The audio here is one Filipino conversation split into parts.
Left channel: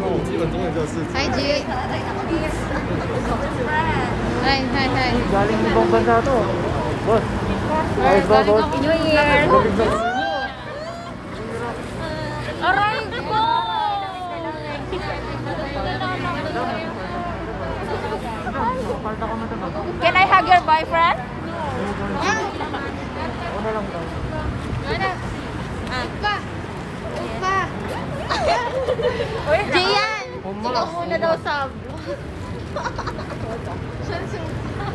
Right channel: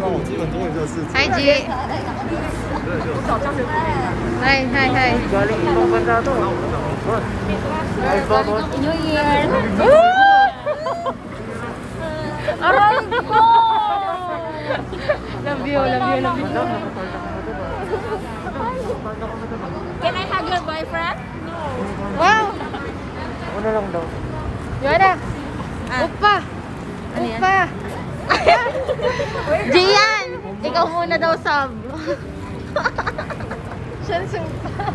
Hi, G. Hi. Galing ibang bansa to. Galing ako New Year. Love you. Can I hug your boyfriend? Wow! Una lang daw. Yara! Upa! Gian! Ikaw muna daw, Sam. Siyan supa.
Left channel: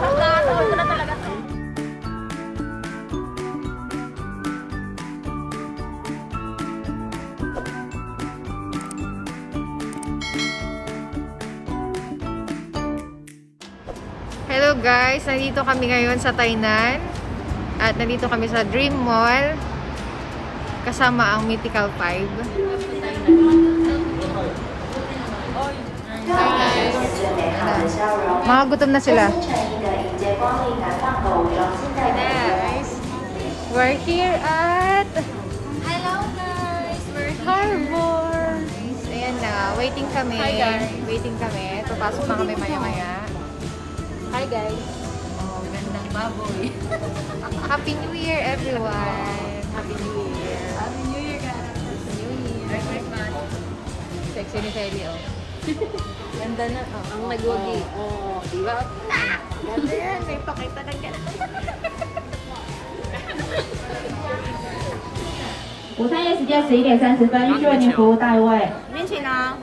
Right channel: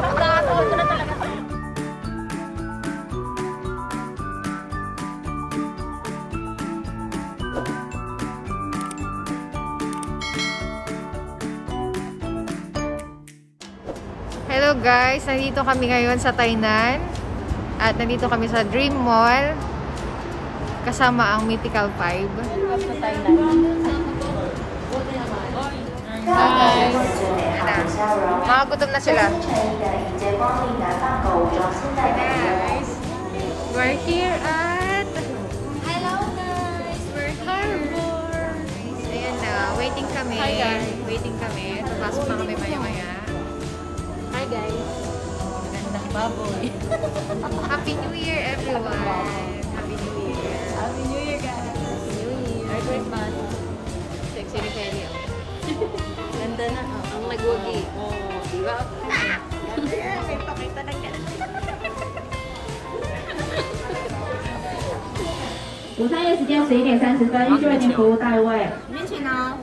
Nakakataon ko na talaga to. Hello guys! Nandito kami ngayon sa Tainan. At nandito kami sa Dream Mall. Kasama ang Mythical 5. Mga gutom na sila. Guys, we're here at Hello guys! We're Harbor. Ayan na, waiting kami. Hi, guys. Waiting kami. Papasok na kami maya-maya. Hi guys! Oh, gandang baboy. Happy New Year everyone. Happy New Year. Happy New Year guys! Happy New Year. Merry Christmas! Sexy ni Kelly oh. Ganda na. Ang nag-wagi. Oh, diba? Ganda yan. May pakita ng ganda. 午餐业时间11:30，预热年服务到位。面请啊！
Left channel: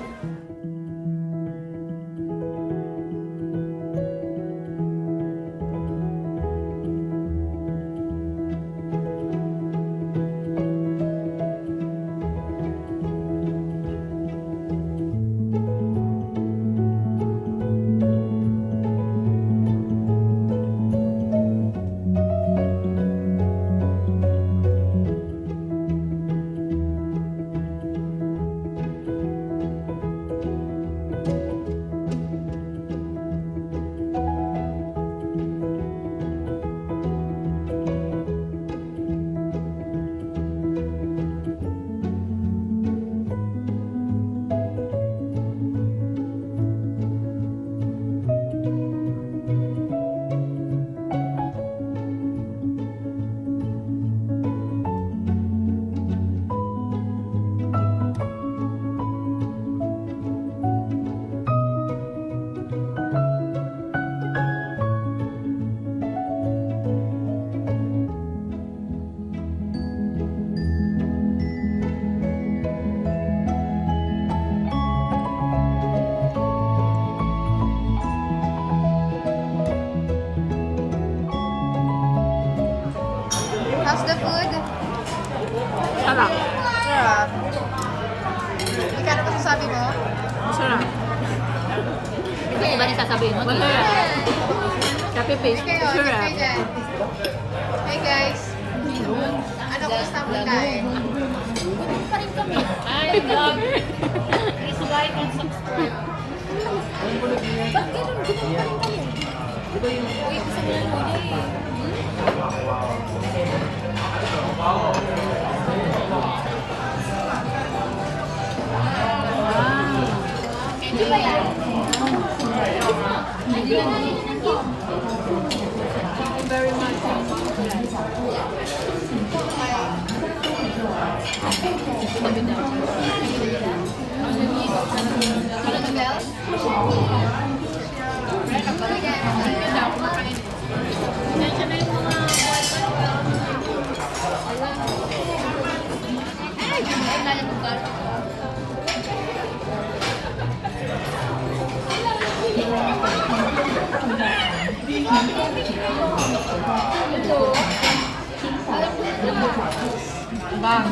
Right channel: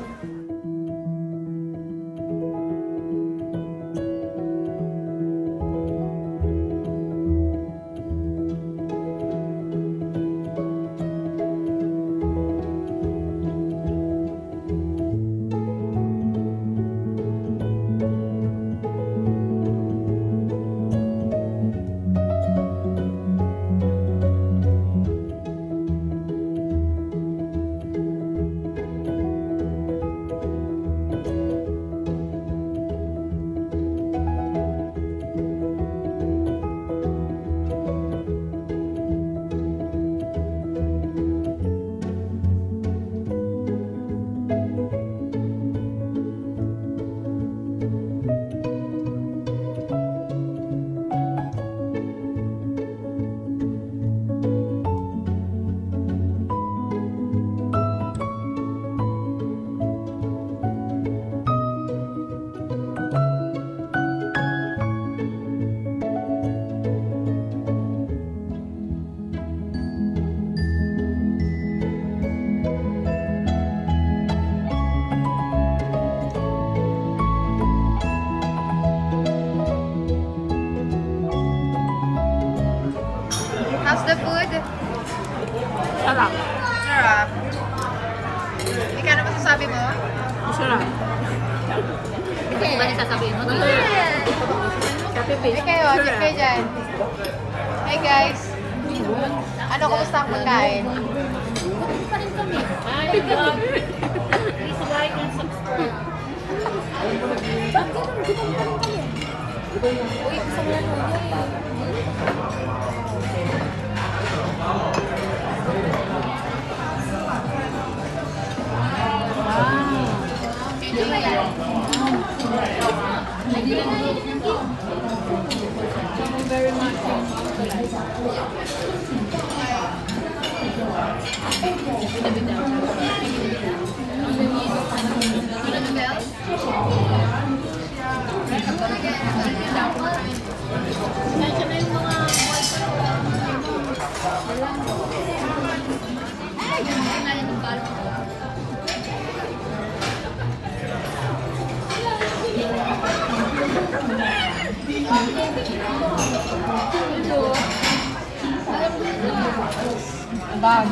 How's the food? Sarap! Sarap. Ika na masasabi mo? Sarap! Ito ba yung sasabihin mo? Copy-paste. Kayo dyan. Hi guys. Ano kumusta ang pagkain? Gutom pa rin kami. Hi vlog! Please like and subscribe. Bakit ganun? Gutom pa rin kami. Uy, gusto mo lang mo yun. Very much. Bag.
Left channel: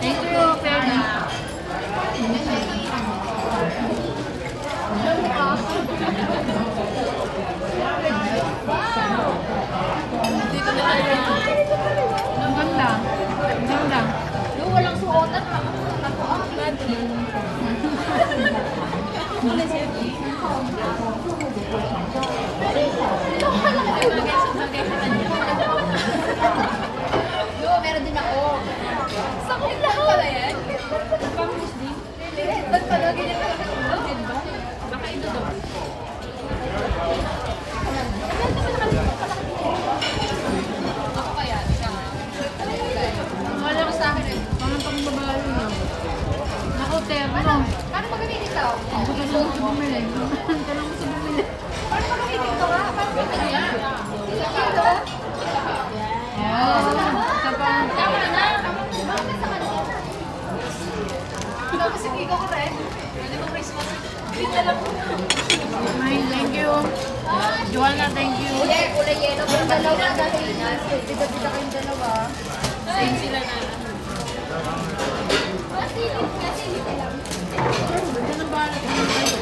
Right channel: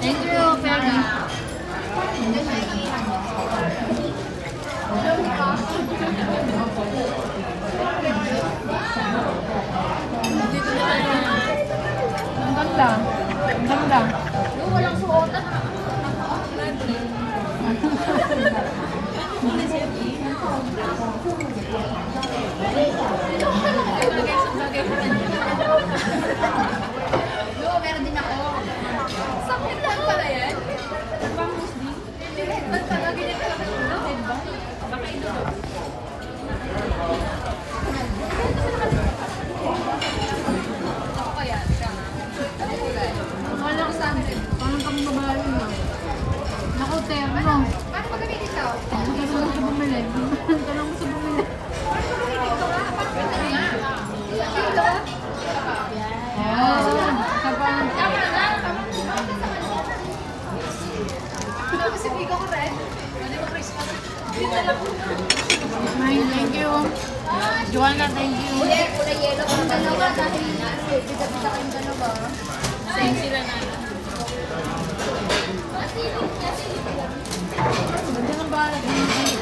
Thank you, Perry. Dito na lang. Ang ganda. Ang ganda. Yung walang suotan. pala yan? Pang-Muslim? Ba't pala ganyan pala ulo, diba? Baka ito daw. Ako kaya, siya. Akala ko sa akin, parang pang babae na. Naku, terno. Paano magamin ikaw? Tanong mo sa bumili. Tanong mo sa bumili. Paano magamin ikaw? Isa pa. Tapos si Vigo ko rin. Pwede mo Christmas. Thank you. Joanna, thank you. Kulay yellow pang dalawa. Kita kayong dalawa. Same sila na.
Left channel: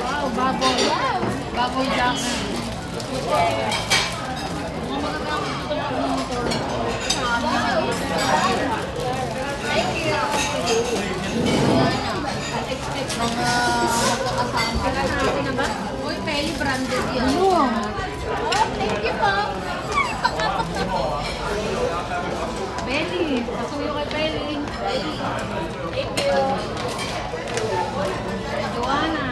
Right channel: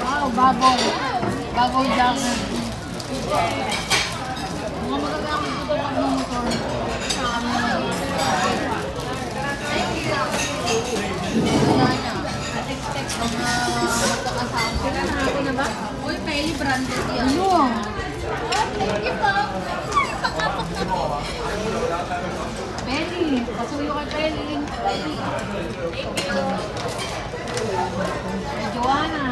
Wow, baboy. Baboy lang. Ako na ba? Uy, Peli, branded yan. Ano? Thank you po. Peli, pasuyo kay Peli. Thank you. Joanna.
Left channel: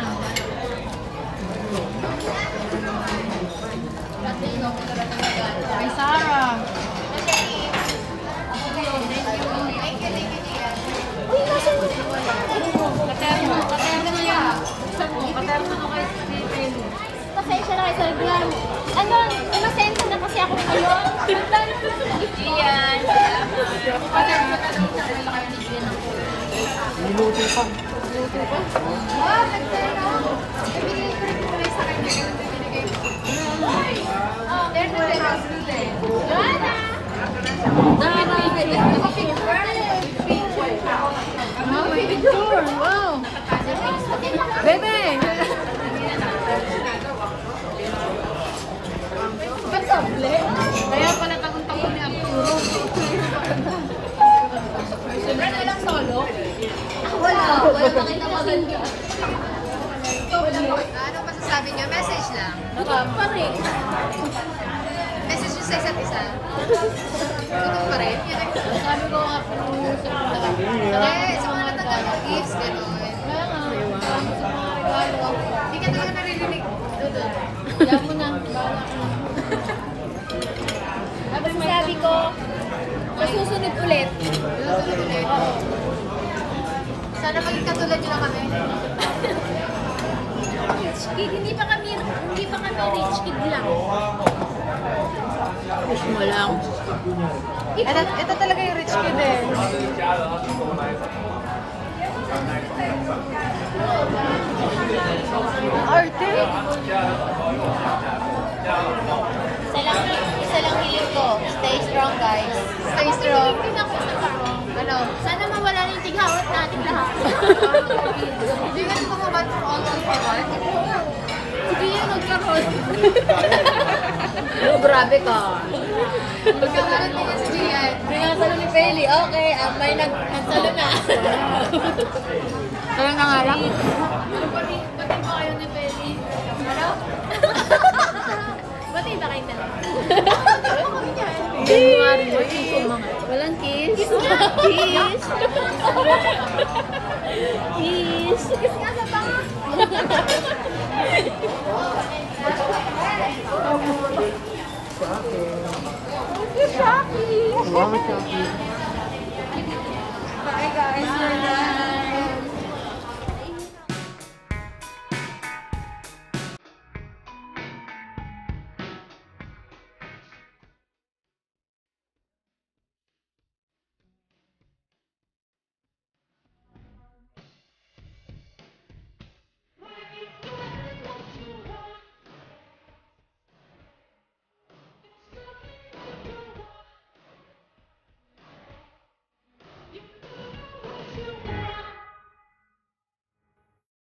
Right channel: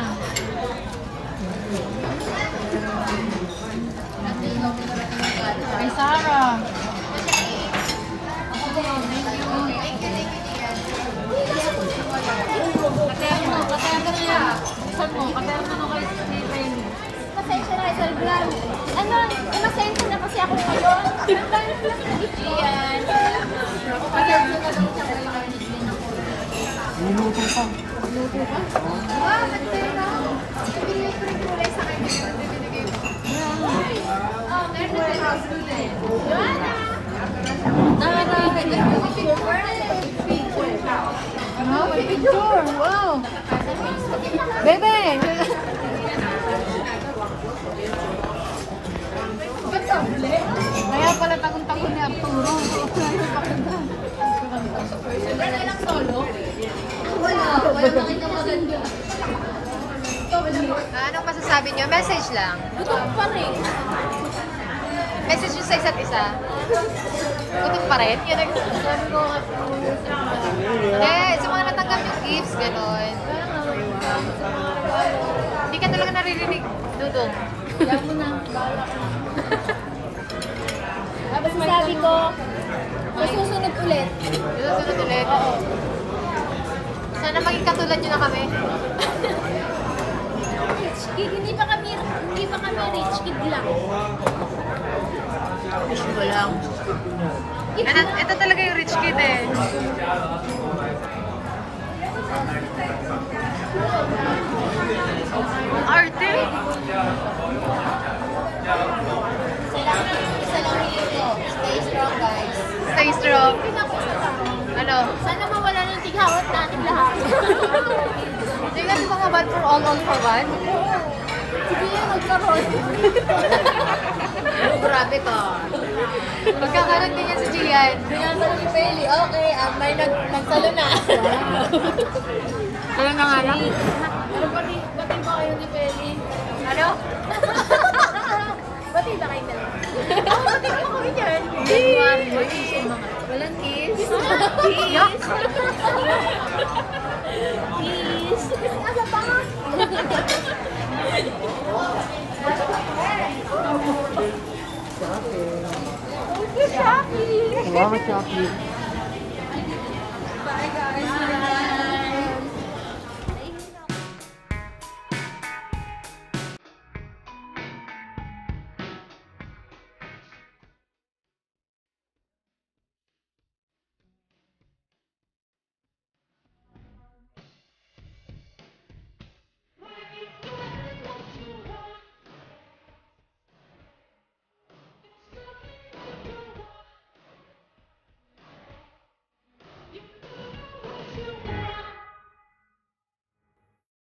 Kay Sarah. Thank you. Katerno. Katerno niya. Katerno mo kay Peli. Pasensya na kayo, Sir Glenn. Ano, inosensya na kasi ako ngayon. Dahil na lang nag-gift ko. Iyan. Minuto pa. Wow, nagtira. Binili ko rin kulay sa kanya. Oh, there's the terrace. Joanna! Tara. Wow. Bebe. Ba't soble? Kaya pala takong-takong ni Arturo. Wala lang solo? Wala. Wala nakita maganda. Anong masasabi nyo? Message lang. Gutom pa rin. Message nyo sa isa't isa. Gutom pa rin. Sabi ko nga, Kaya sa mga natanggap ng gifts, gano'n. kaya nga, salamat sa mga regalo. Hindi ka talaga naririnig. Dodo, yan mo na, bahala ka na. Sabi ko, masusunod ulit. Yung sunod ulit. Oo. Sana maging katulad nyo na kami. Rich kid, hindi pa kami rich kid lang. Ito talaga yung rich kid eh. Arte? Isa lang hiling ko. Stay strong, guys. Stay strong. Hindi na ako isa karong. Ano? Sana mawala na yung tighawat natin lahat. Hindi ka di ba mabad for all for one? Sige yan, magkaroon. Grabe ka. Magkakaroon din yan si Gian. Sinasalo ni Peli. Okay, may nagsalo na. Talagang nga lang? Batay ba kayo ni Peli? Ano? Batay ba kayong dalawa? Batay ba kami dyan? Walang kiss. Kiss. Kiss. Kiss nga sa panga. Salamat, Shaki.